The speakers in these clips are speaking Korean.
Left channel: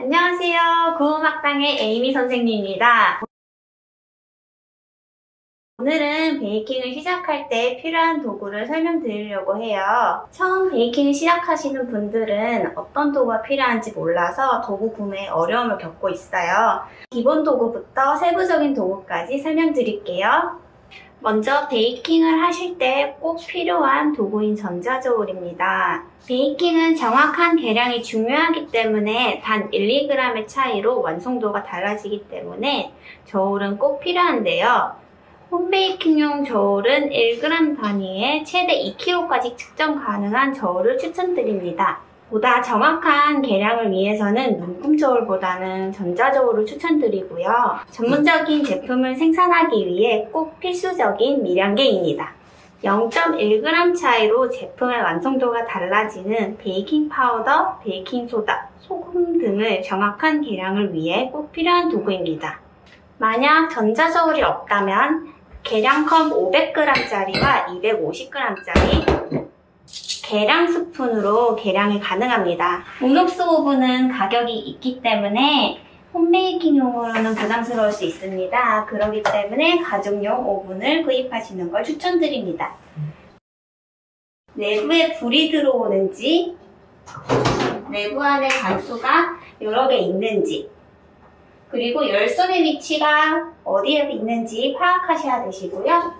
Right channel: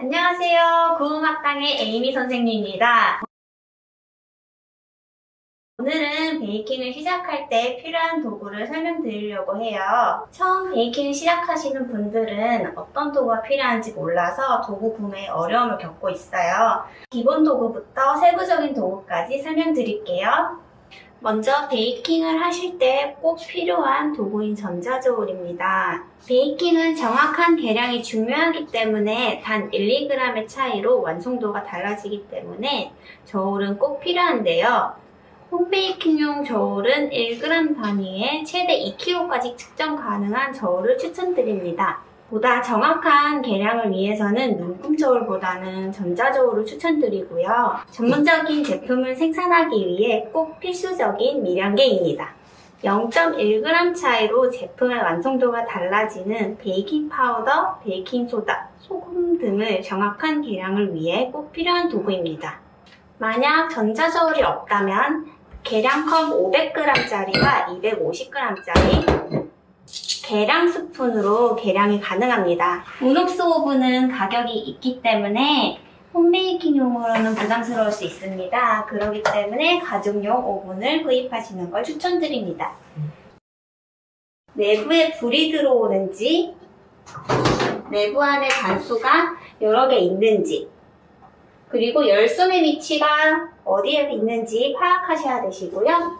안녕하세요. 구음학당의 에이미 선생님입니다. 오늘은 베이킹을 시작할 때 필요한 도구를 설명드리려고 해요. 처음 베이킹을 시작하시는 분들은 어떤 도구가 필요한지 몰라서 도구 구매에 어려움을 겪고 있어요. 기본 도구부터 세부적인 도구까지 설명드릴게요. 먼저 베이킹을 하실 때 꼭 필요한 도구인 전자저울입니다. 베이킹은 정확한 계량이 중요하기 때문에 단 1, 2g의 차이로 완성도가 달라지기 때문에 저울은 꼭 필요한데요. 홈베이킹용 저울은 1g 단위에 최대 2kg까지 측정 가능한 저울을 추천드립니다. 보다 정확한 계량을 위해서는 눈금 저울보다는 전자저울을 추천드리고요. 전문적인 제품을 생산하기 위해 꼭 필수적인 미량계입니다. 0.1g 차이로 제품의 완성도가 달라지는 베이킹 파우더, 베이킹 소다, 소금 등을 정확한 계량을 위해 꼭 필요한 도구입니다. 만약 전자저울이 없다면 계량컵 500g짜리와 250g짜리 계량 스푼으로 계량이 가능합니다. 온옥스 오븐은 가격이 있기 때문에 홈베이킹용으로는 부담스러울 수 있습니다. 그렇기 때문에 가정용 오븐을 구입하시는 걸 추천드립니다. 내부에 불이 들어오는지, 내부 안에 단수가 여러 개 있는지, 그리고 열선의 위치가 어디에 있는지 파악하셔야 되시고요.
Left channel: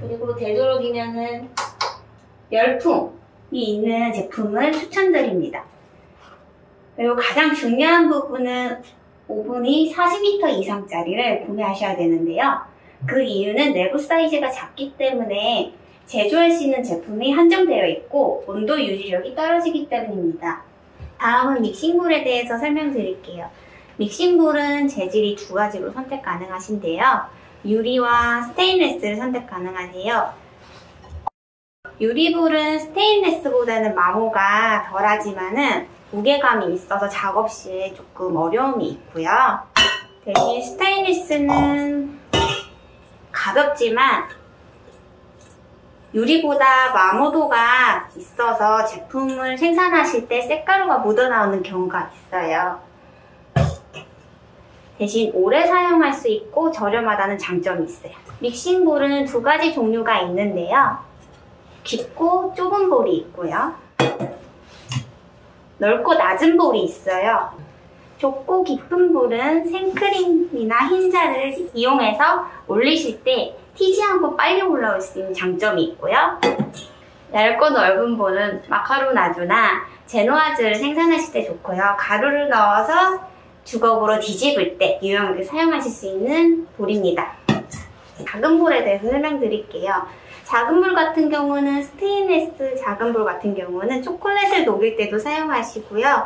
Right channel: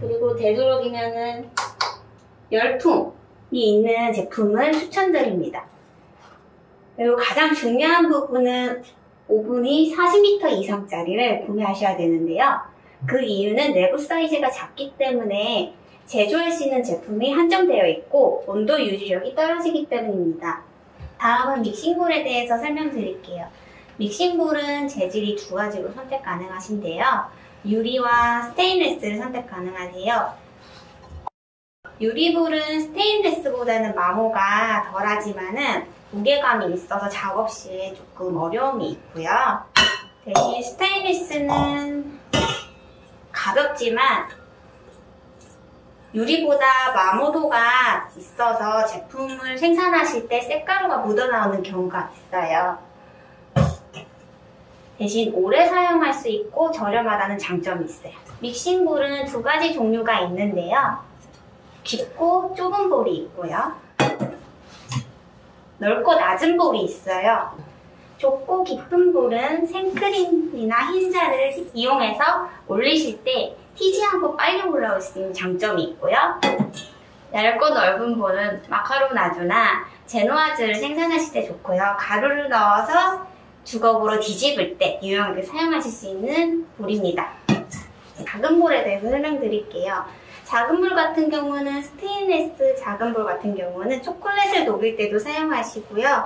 그리고 되도록이면은 열풍이 있는 제품을 추천드립니다. 그리고 가장 중요한 부분은 오븐이 40m 이상짜리를 구매하셔야 되는데요. 그 이유는 내부 사이즈가 작기 때문에 제조할 수 있는 제품이 한정되어 있고 온도 유지력이 떨어지기 때문입니다. 다음은 믹싱볼에 대해서 설명드릴게요. 믹싱볼은 재질이 두 가지로 선택 가능하신데요. 유리와 스테인리스를 선택 가능하세요. 유리볼은 스테인리스보다는 마모가 덜하지만은 무게감이 있어서 작업 시에 조금 어려움이 있고요. 대신 스테인리스는 가볍지만 유리보다 마모도가 있어서 제품을 생산하실 때 쇳가루가 묻어나오는 경우가 있어요. 대신 오래 사용할 수 있고 저렴하다는 장점이 있어요. 믹싱볼은 두 가지 종류가 있는데요. 깊고 좁은 볼이 있고요. 넓고 낮은 볼이 있어요. 좁고 깊은 볼은 생크림이나 흰자를 이용해서 올리실 때 튀지 않고 빨리 올라올 수 있는 장점이 있고요. 얇고 넓은 볼은 마카로나주나 제노아즈를 생산하실 때 좋고요. 가루를 넣어서 주걱으로 뒤집을 때 유용하게 사용하실 수 있는 볼입니다. 작은 볼에 대해서 설명드릴게요. 작은 볼 같은 경우는 스테인리스 작은 볼 같은 경우는 초콜릿을 녹일 때도 사용하시고요.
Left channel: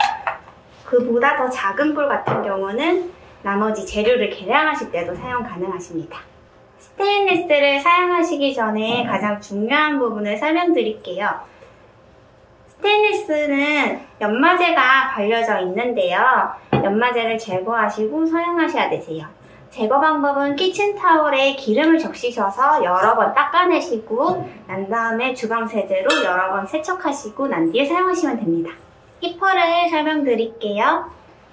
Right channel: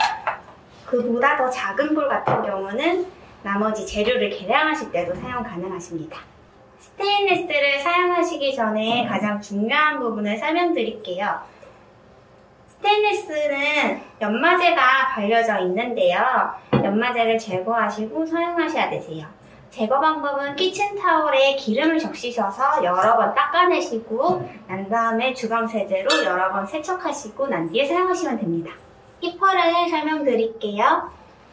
그보다 더 작은 볼 같은 경우는 나머지 재료를 계량하실 때도 사용 가능하십니다. 스테인리스를 사용하시기 전에 가장 중요한 부분을 설명드릴게요. 스테인리스는 연마제가 발려져 있는데요. 연마제를 제거하시고 사용하셔야 되세요. 제거 방법은 키친타월에 기름을 적시셔서 여러 번 닦아내시고 난 다음에 주방세제로 여러 번 세척하시고 난 뒤에 사용하시면 됩니다. 히퍼를 설명드릴게요.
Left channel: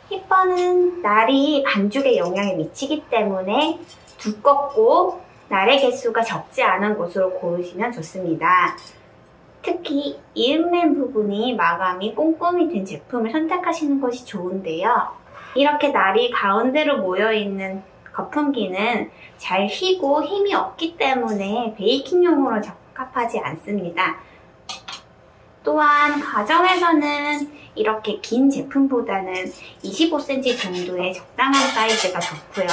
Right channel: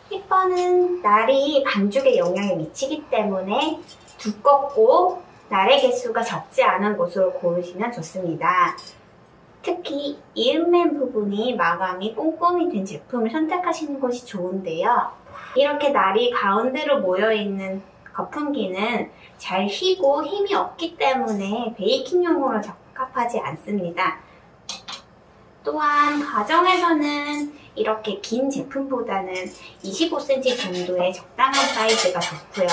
히퍼는 날이 반죽에 영향을 미치기 때문에 두껍고 날의 개수가 적지 않은 곳으로 고르시면 좋습니다. 특히 이음맨 부분이 마감이 꼼꼼히 된 제품을 선택하시는 것이 좋은데요. 이렇게 날이 가운데로 모여있는 거품기는 잘 휘고 힘이 없기 때문에 베이킹용으로 적합하지 않습니다. 또한 가정에서는 이렇게 긴 제품보다는 25cm 정도의 적당한 사이즈가 좋고요.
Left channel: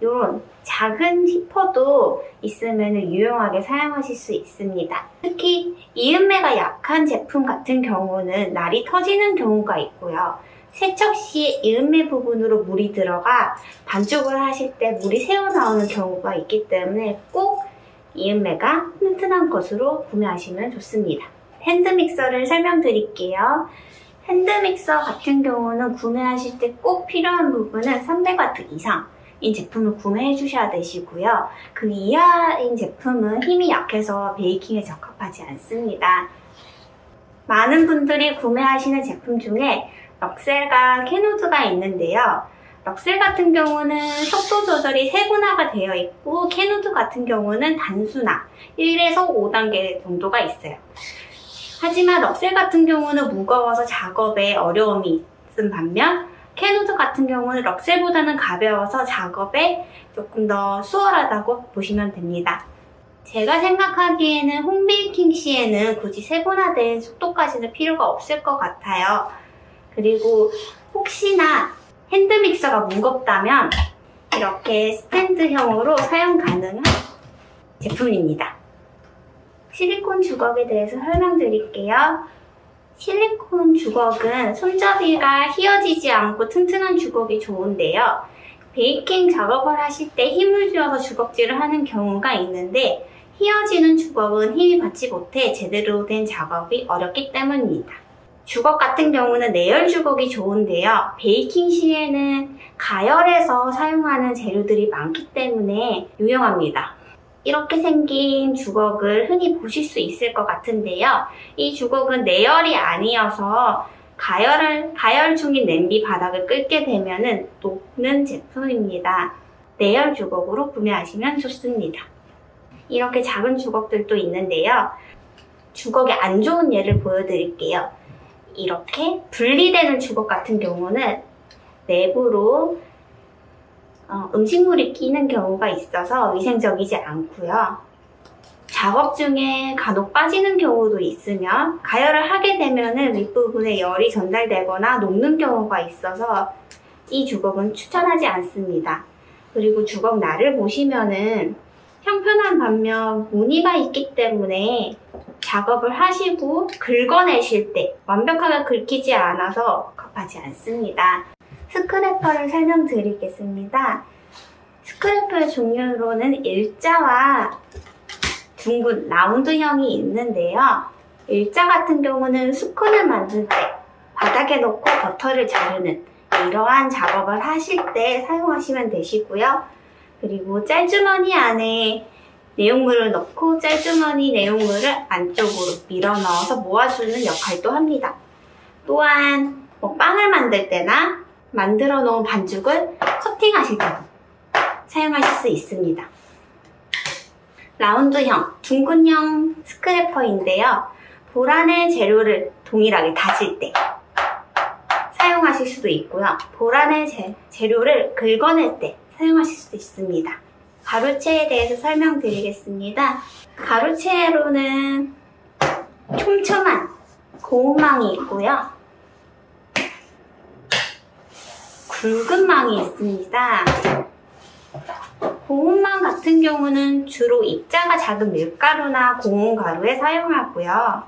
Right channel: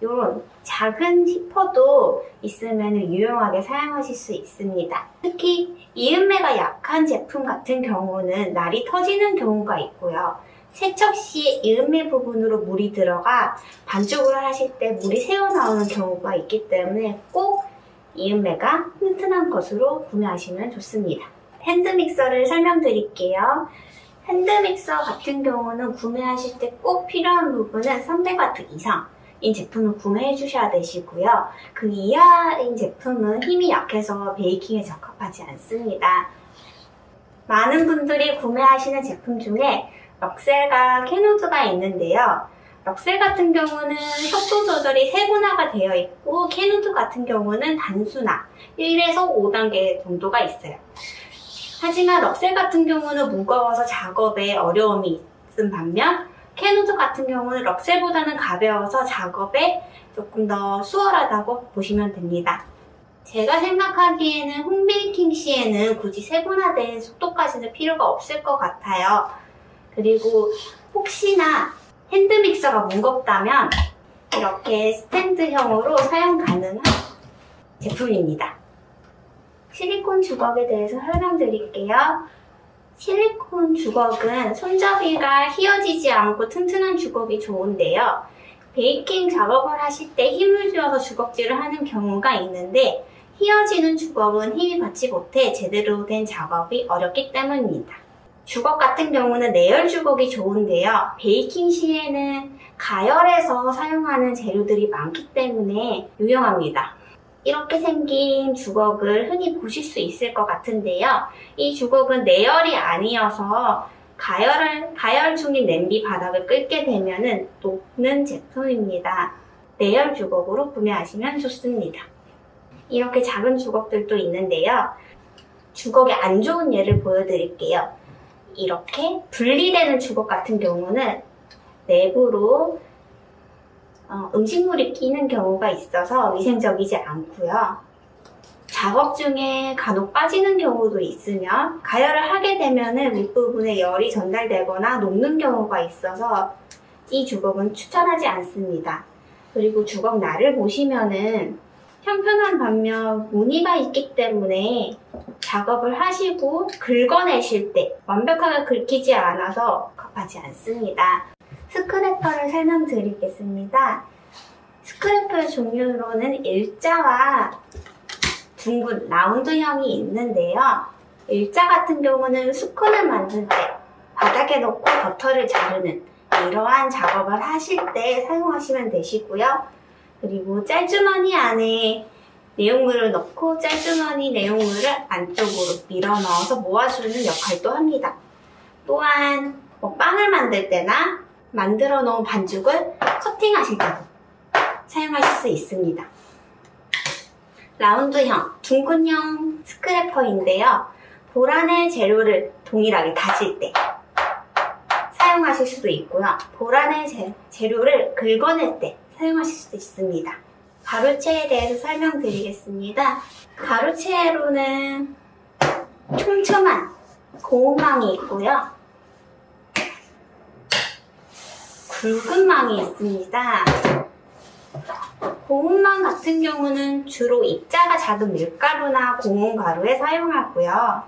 이런 작은 히퍼도 있으면 유용하게 사용하실 수 있습니다. 특히 이음매가 약한 제품 같은 경우는 날이 터지는 경우가 있고요. 세척 시 이음매 부분으로 물이 들어가 반죽을 하실 때 물이 새어나오는 경우가 있기 때문에 꼭 이음매가 튼튼한 것으로 구매하시면 좋습니다. 핸드믹서를 설명드릴게요. 핸드믹서 같은 경우는 구매하실 때 꼭 필요한 부분은 300W 이상인 제품을 구매해 주셔야 되시고요. 그 이하인 제품은 힘이 약해서 베이킹에 적합하지 않습니다. 많은 분들이 구매하시는 제품 중에 럭셀과 캐노드가 있는데요. 럭셀 같은 경우는 속도 조절이 세분화가 되어 있고 캐노드 같은 경우는 단순화 1에서 5단계 정도가 있어요. 하지만 럭셀 같은 경우는 무거워서 작업에 어려움이 있은 반면 캐노드 같은 경우는 럭셀보다는 가벼워서 작업에 조금 더 수월하다고 보시면 됩니다. 제가 생각하기에는 홈베이킹 시에는 굳이 세분화된 속도까지는 필요가 없을 것 같아요. 그리고 혹시나 핸드믹서가 무겁다면 이렇게 스탠드형으로 사용 가능한 제품입니다. 실리콘 주걱에 대해서 설명드릴게요. 실리콘 주걱은 손잡이가 휘어지지 않고 튼튼한 주걱이 좋은데요. 베이킹 작업을 하실 때 힘을 주어서 주걱질을 하는 경우가 있는데 휘어지는 주걱은 힘이 받지 못해 제대로 된 작업이 어렵기 때문입니다. 주걱 같은 경우는 내열 주걱이 좋은데요. 베이킹 시에는 가열해서 사용하는 재료들이 많기 때문에 유용합니다. 이렇게 생긴 주걱을 흔히 보실 수 있을 것 같은데요. 이 주걱은 내열이 아니어서 가열 중인 냄비 바닥을 끓게 되면 녹는 제품입니다. 내열 주걱으로 구매하시면 좋습니다. 이렇게 작은 주걱들도 있는데요. 주걱의 안 좋은 예를 보여드릴게요. 이렇게 분리되는 주걱 같은 경우는 내부로 음식물이 끼는 경우가 있어서 위생적이지 않고요. 작업 중에 간혹 빠지는 경우도 있으며 가열을 하게 되면 윗부분에 열이 전달되거나 녹는 경우가 있어서 이 주걱은 추천하지 않습니다. 그리고 주걱 날을 보시면은 평평한 반면 무늬가 있기 때문에 작업을 하시고 긁어내실 때 완벽하게 긁히지 않아서 급하지 않습니다. 스크래퍼를 설명드리겠습니다. 스크래퍼의 종류로는 일자와 둥근 라운드형이 있는데요. 일자 같은 경우는 스콘을 만들 때 바닥에 놓고 버터를 자르는 이러한 작업을 하실 때 사용하시면 되시고요. 그리고 짤주머니 안에 내용물을 넣고 짤주머니 내용물을 안쪽으로 밀어 넣어서 모아주는 역할도 합니다. 또한 빵을 만들 때나 만들어 놓은 반죽을 커팅하실 때도 사용하실 수 있습니다. 라운드형, 둥근형 스크래퍼인데요. 볼 안에 재료를 동일하게 다질 때 사용하실 수도 있고요. 볼 안에 재료를 긁어낼 때 사용하실 수도 있습니다. 가루채에 대해서 설명드리겠습니다. 가루채로는 촘촘한 고무망이 있고요. 굵은 망이 있습니다. 고무망 같은 경우는 주로 입자가 작은 밀가루나 고무가루에 사용하고요.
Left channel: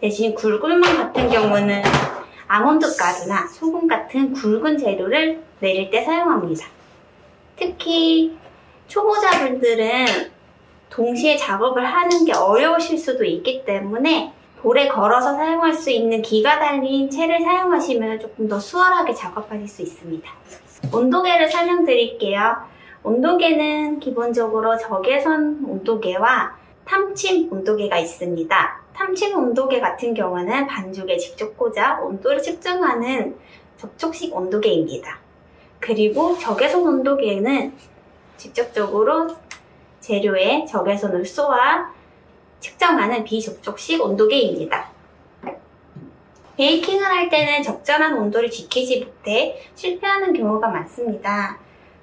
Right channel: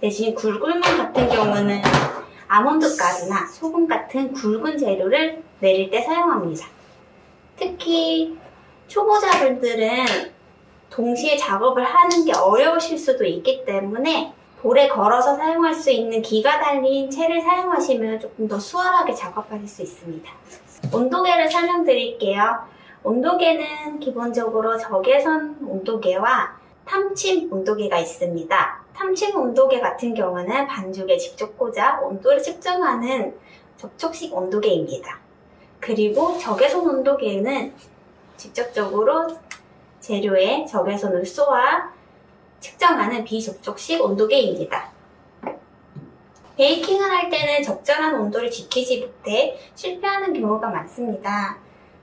대신 굵은 망 같은 경우는 아몬드 가루나 소금 같은 굵은 재료를 내릴 때 사용합니다. 특히 초보자분들은 동시에 작업을 하는 게 어려우실 수도 있기 때문에 볼에 걸어서 사용할 수 있는 기가 달린 채를 사용하시면 조금 더 수월하게 작업하실 수 있습니다. 온도계를 설명드릴게요. 온도계는 기본적으로 적외선 온도계와 탐침 온도계가 있습니다. 탐침 온도계 같은 경우는 반죽에 직접 꽂아 온도를 측정하는 접촉식 온도계입니다. 그리고 적외선 온도계는 직접적으로 재료에 적외선을 쏘아 측정하는 비접촉식 온도계입니다. 베이킹을 할 때는 적절한 온도를 지키지 못해 실패하는 경우가 많습니다.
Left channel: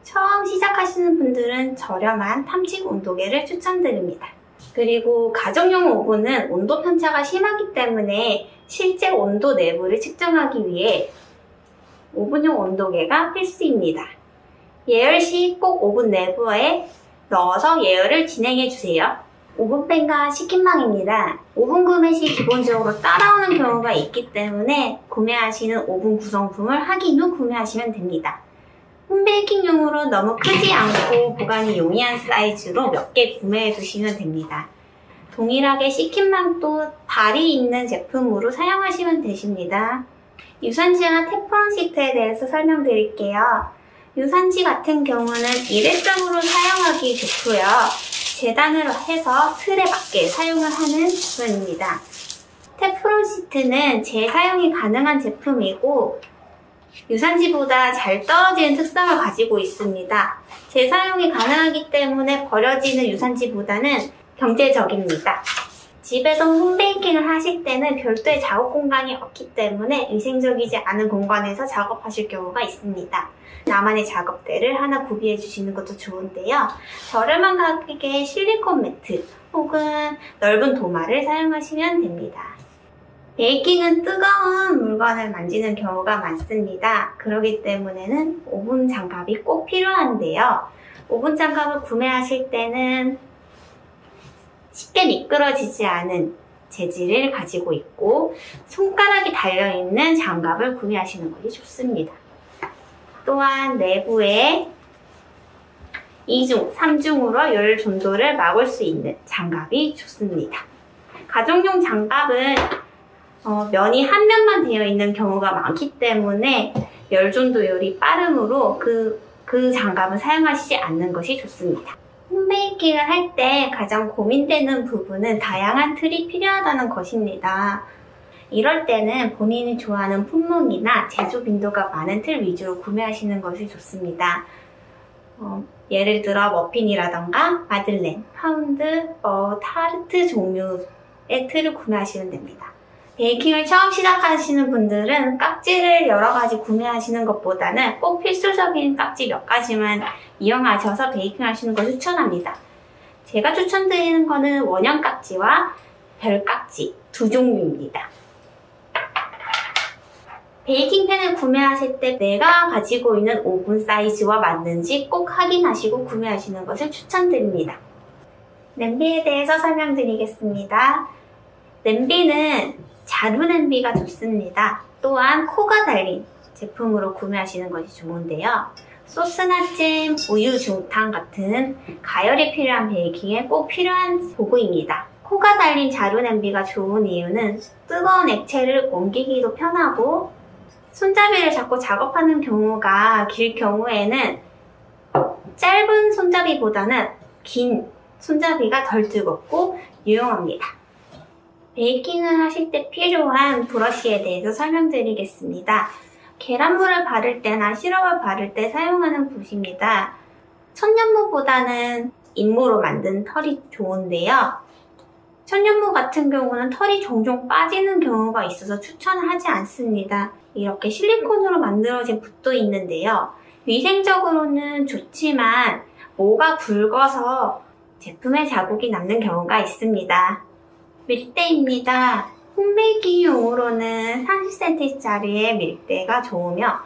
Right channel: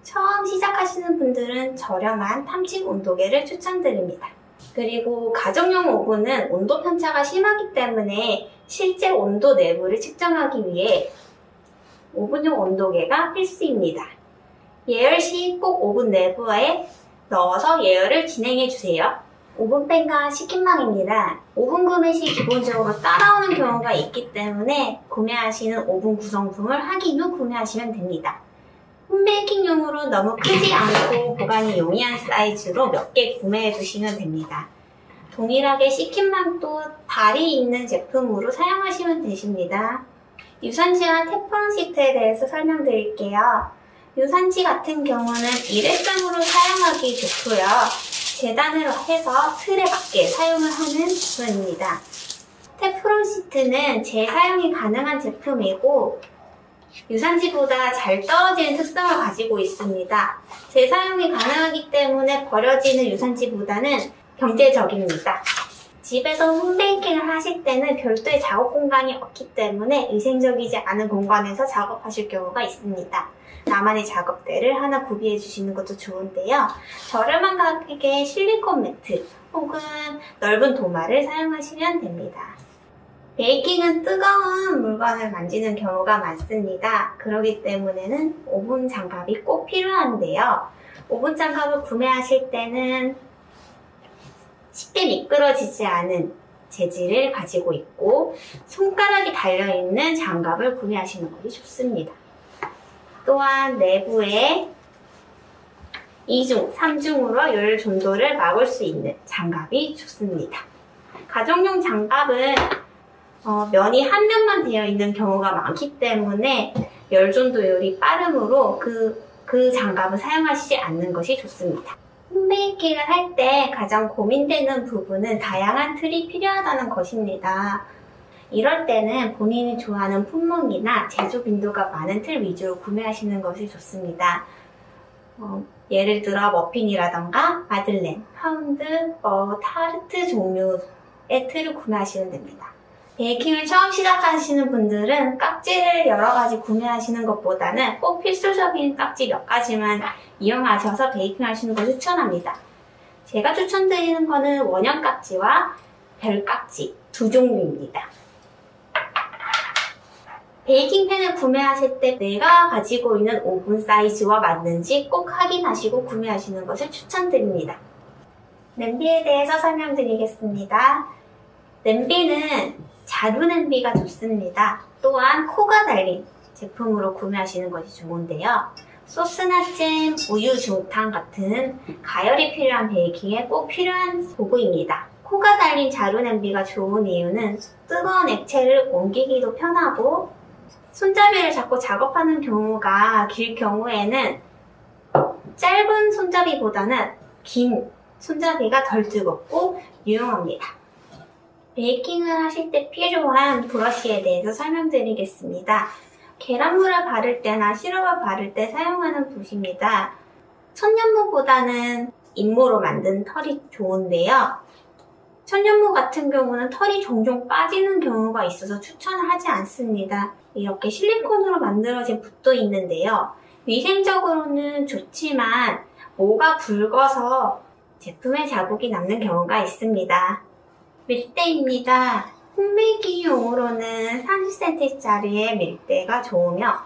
처음 시작하시는 분들은 저렴한 탐침 온도계를 추천드립니다. 그리고 가정용 오븐은 온도 편차가 심하기 때문에 실제 온도 내부를 측정하기 위해 오븐용 온도계가 필수입니다. 예열 시 꼭 오븐 내부에 넣어서 예열을 진행해주세요. 오븐팬과 식힌망입니다. 오븐 구매 시 기본적으로 따라오는 경우가 있기 때문에 구매하시는 오븐 구성품을 확인 후 구매하시면 됩니다. 홈베이킹용으로 너무 크지 않고 보관이 용이한 사이즈로 몇 개 구매해 두시면 됩니다. 동일하게 식힌망도 발이 있는 제품으로 사용하시면 되십니다. 유산지와 테프론 시트에 대해서 설명드릴게요. 유산지 같은 경우는 일회성으로 사용하기 좋고요. 재단을 해서 틀에 맞게 사용을 하는 제품입니다. 테프론 시트는 재사용이 가능한 제품이고 유산지보다 잘 떨어지는 특성을 가지고 있습니다. 재사용이 가능하기 때문에 버려지는 유산지보다는 경제적입니다. 집에서 홈베이킹을 하실 때는 별도의 작업 공간이 없기 때문에 위생적이지 않은 공간에서 작업하실 경우가 있습니다. 나만의 작업대를 하나 구비해 주시는 것도 좋은데요. 저렴한 가격의 실리콘 매트 혹은 넓은 도마를 사용하시면 됩니다. 베이킹은 뜨거운 물건을 만지는 경우가 많습니다. 그렇기 때문에는 오븐 장갑이 꼭 필요한데요. 오븐 장갑을 구매하실 때는 쉽게 미끄러지지 않은 재질을 가지고 있고 손가락이 달려있는 장갑을 구매하시는 것이 좋습니다. 또한 내부에 2중, 3중으로 열 전도를 막을 수 있는 장갑이 좋습니다. 가정용 장갑은 면이 한 면만 되어 있는 경우가 많기 때문에 열 전도율이 빠르므로 그 장갑은 사용하시지 않는 것이 좋습니다. 홈베이킹을 할 때 가장 고민되는 부분은 다양한 틀이 필요하다는 것입니다. 이럴 때는 본인이 좋아하는 품목이나 제조 빈도가 많은 틀 위주로 구매하시는 것이 좋습니다. 예를 들어 머핀이라던가 마들렌, 파운드, 타르트 종류의 틀을 구매하시면 됩니다. 베이킹을 처음 시작하시는 분들은 깍지를 여러 가지 구매하시는 것보다는 꼭 필수적인 깍지 몇 가지만 이용하셔서 베이킹 하시는 걸 추천합니다. 제가 추천드리는 거는 원형 깍지와 별 깍지 두 종류입니다. 베이킹팬을 구매하실 때 내가 가지고 있는 오븐 사이즈와 맞는지 꼭 확인하시고 구매하시는 것을 추천드립니다. 냄비에 대해서 설명드리겠습니다. 냄비는 자루 냄비가 좋습니다. 또한 코가 달린 제품으로 구매하시는 것이 좋은데요. 소스나 잼, 우유, 중탕 같은 가열이 필요한 베이킹에 꼭 필요한 도구입니다. 코가 달린 자루 냄비가 좋은 이유는 뜨거운 액체를 옮기기도 편하고 손잡이를 잡고 작업하는 경우가 길 경우에는 짧은 손잡이보다는 긴 손잡이가 덜 뜨겁고 유용합니다. 베이킹을 하실 때 필요한 브러쉬에 대해서 설명드리겠습니다. 계란물을 바를 때나 시럽을 바를 때 사용하는 붓입니다. 천연무보다는 인무로 만든 털이 좋은데요. 천연무 같은 경우는 털이 종종 빠지는 경우가 있어서 추천을 하지 않습니다. 이렇게 실리콘으로 만들어진 붓도 있는데요. 위생적으로는 좋지만 모가 굵어서 제품에 자국이 남는 경우가 있습니다. 밀대입니다. 홈베이킹용으로는 30cm짜리의 밀대가 좋으며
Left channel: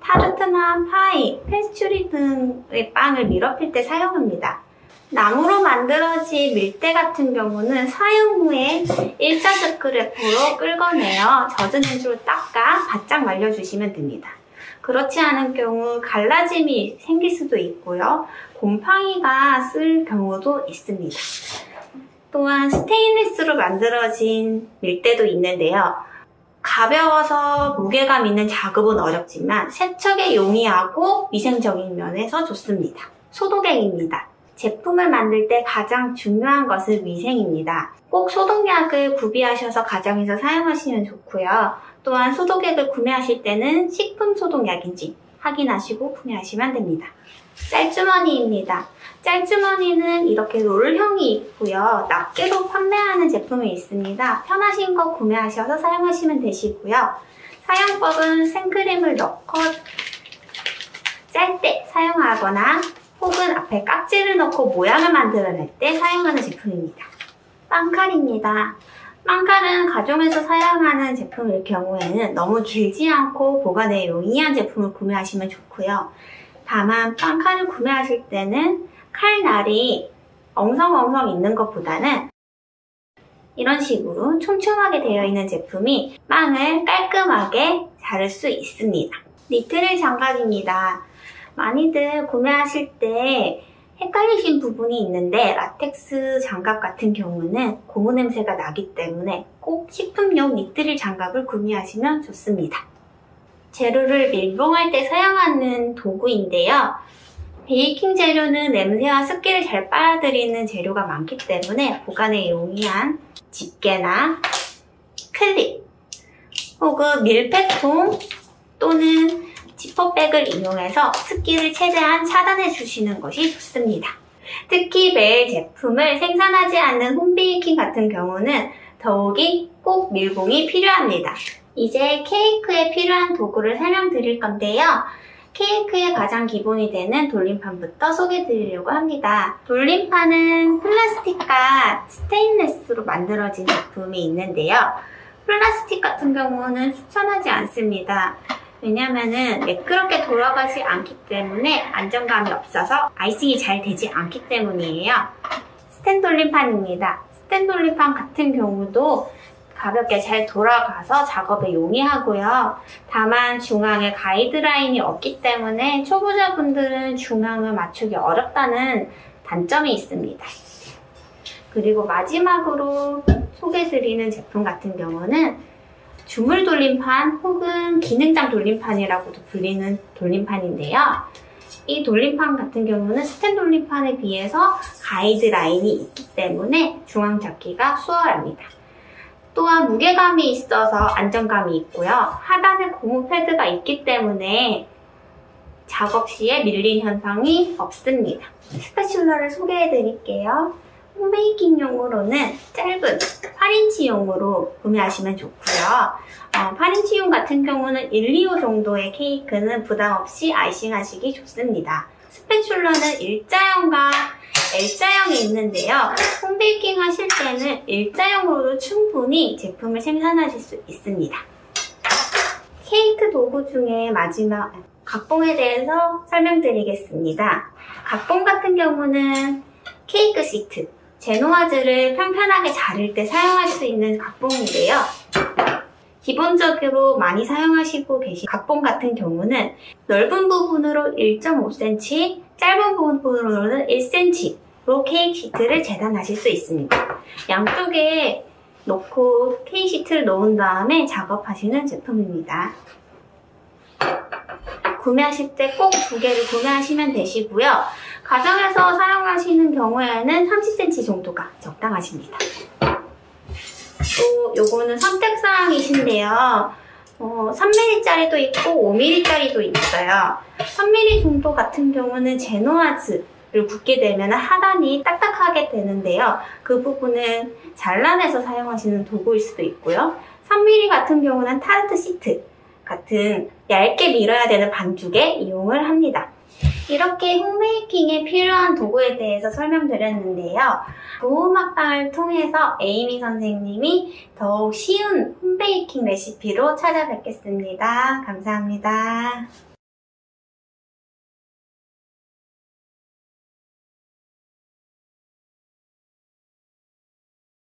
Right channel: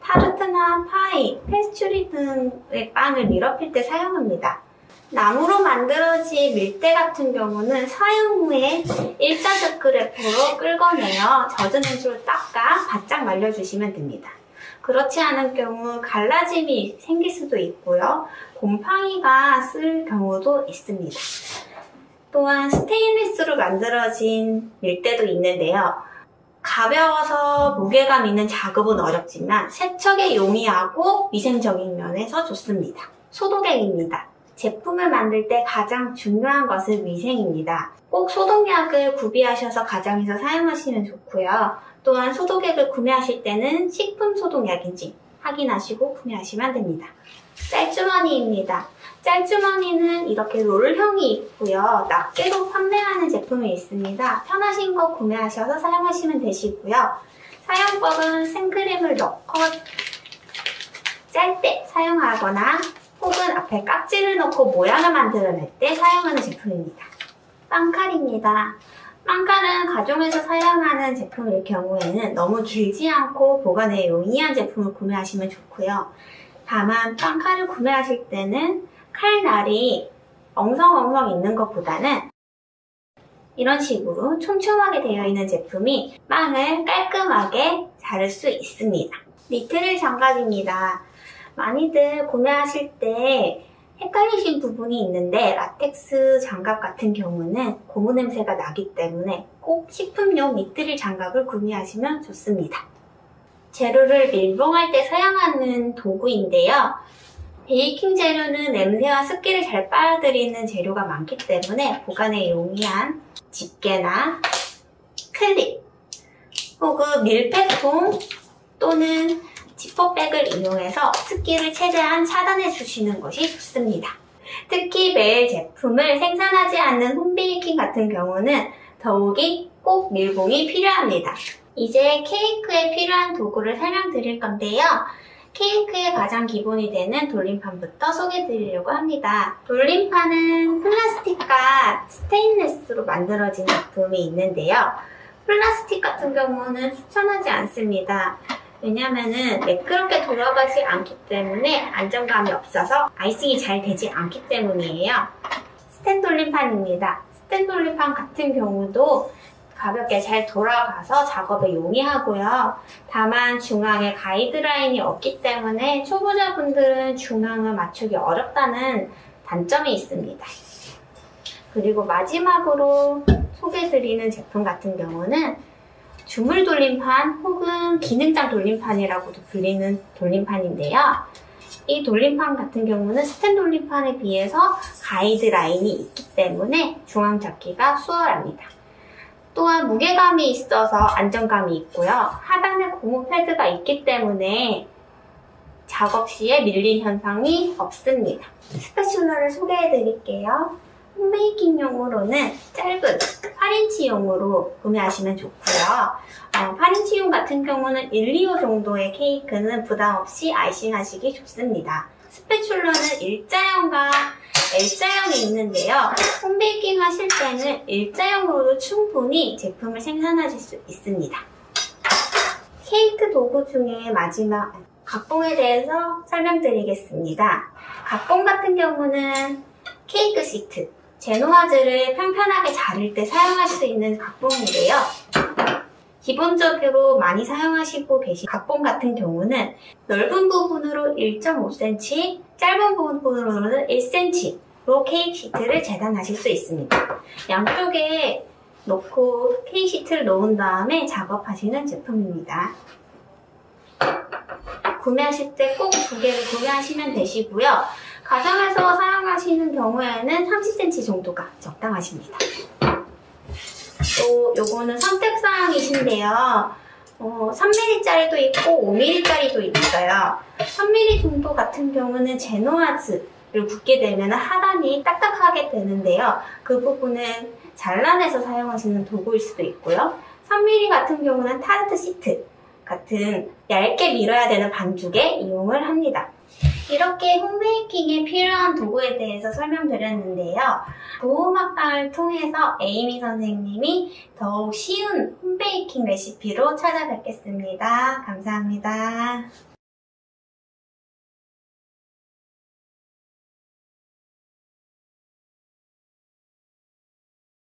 타르트나 파이, 페스츄리 등의 빵을 밀어필 때 사용합니다. 나무로 만들어진 밀대 같은 경우는 사용 후에 일자스크 래퍼로 끌어내어 젖은 행주로 닦아 바짝 말려주시면 됩니다. 그렇지 않은 경우 갈라짐이 생길 수도 있고요. 곰팡이가 쓸 경우도 있습니다. 또한 스테인리스로 만들어진 밀대도 있는데요. 가벼워서 무게감 있는 작업은 어렵지만 세척에 용이하고 위생적인 면에서 좋습니다. 소독액입니다. 제품을 만들 때 가장 중요한 것은 위생입니다. 꼭 소독약을 구비하셔서 가정에서 사용하시면 좋고요. 또한 소독액을 구매하실 때는 식품 소독약인지 확인하시고 구매하시면 됩니다. 짤주머니입니다. 짤주머니는 이렇게 롤형이 있고요. 낱개로 판매하는 제품이 있습니다. 편하신 거 구매하셔서 사용하시면 되시고요. 사용법은 생크림을 넣고 짤 때 사용하거나 혹은 앞에 깍지를 넣고 모양을 만들어낼 때 사용하는 제품입니다. 빵칼입니다. 빵칼은 가정에서 사용하는 제품일 경우에는 너무 길지 않고 보관에 용이한 제품을 구매하시면 좋고요. 다만 빵칼을 구매하실 때는 칼날이 엉성엉성 있는 것보다는 이런 식으로 촘촘하게 되어 있는 제품이 빵을 깔끔하게 자를 수 있습니다. 니트릴 장갑입니다. 많이들 구매하실 때 헷갈리신 부분이 있는데 라텍스 장갑 같은 경우는 고무 냄새가 나기 때문에 꼭 식품용 니트릴 장갑을 구매하시면 좋습니다. 재료를 밀봉할 때 사용하는 도구인데요. 베이킹 재료는 냄새와 습기를 잘 빨아들이는 재료가 많기 때문에 보관에 용이한 집게나 클립, 혹은 밀폐통 또는 지퍼백을 이용해서 습기를 최대한 차단해 주시는 것이 좋습니다. 특히 매일 제품을 생산하지 않는 홈베이킹 같은 경우는 더욱이 꼭 밀봉이 필요합니다. 이제 케이크에 필요한 도구를 설명드릴 건데요. 케이크의 가장 기본이 되는 돌림판부터 소개해드리려고 합니다. 돌림판은 플라스틱과 스테인리스로 만들어진 제품이 있는데요. 플라스틱 같은 경우는 추천하지 않습니다. 왜냐면은 매끄럽게 돌아가지 않기 때문에 안정감이 없어서 아이싱이 잘 되지 않기 때문이에요. 스텐 돌림판입니다. 스텐 돌림판 같은 경우도 가볍게 잘 돌아가서 작업에 용이하고요. 다만 중앙에 가이드라인이 없기 때문에 초보자분들은 중앙을 맞추기 어렵다는 단점이 있습니다. 그리고 마지막으로 소개해드리는 제품 같은 경우는 주물 돌림판 혹은 기능장 돌림판이라고도 불리는 돌림판인데요. 이 돌림판 같은 경우는 스텐 돌림판에 비해서 가이드라인이 있기 때문에 중앙 잡기가 수월합니다. 또한 무게감이 있어서 안정감이 있고요. 하단에 고무 패드가 있기 때문에 작업 시에 밀림 현상이 없습니다. 스패츌러를 소개해 드릴게요. 홈베이킹용으로는 짧은 8인치용으로 구매하시면 좋고요. 8인치용 같은 경우는 1, 2호 정도의 케이크는 부담없이 아이싱 하시기 좋습니다. 스패츌러는 일자형과 L자형이 있는데요. 홈베이킹 하실 때는 일자형으로도 충분히 제품을 생산하실 수 있습니다. 케이크 도구 중에 마지막 각봉에 대해서 설명드리겠습니다. 각봉 같은 경우는 케이크 시트, 제노와즈를 평평하게 자를 때 사용할 수 있는 각봉인데요. 기본적으로 많이 사용하시고 계신 각봉 같은 경우는 넓은 부분으로 1.5cm, 짧은 부분으로는 1cm로 케이크 시트를 재단하실 수 있습니다. 양쪽에 놓고 케이크 시트를 놓은 다음에 작업하시는 제품입니다. 구매하실 때 꼭 두 개를 구매하시면 되시고요. 가정에서 사용하시는 경우에는 30cm 정도가 적당하십니다. 또 요거는 선택사항이신데요. 3mm짜리도 있고 5mm짜리도 있어요. 3mm 정도 같은 경우는 제노와즈를 붓게 되면 하단이 딱딱하게 되는데요. 그 부분은 잘라내서 사용하시는 도구일 수도 있고요. 3mm 같은 경우는 타르트 시트 같은 얇게 밀어야 되는 반죽에 이용을 합니다. 이렇게 홈베이킹에 필요한 도구에 대해서 설명드렸는데요. 도우막방을 통해서 에이미 선생님이 더욱 쉬운 홈베이킹 레시피로 찾아뵙겠습니다. 감사합니다.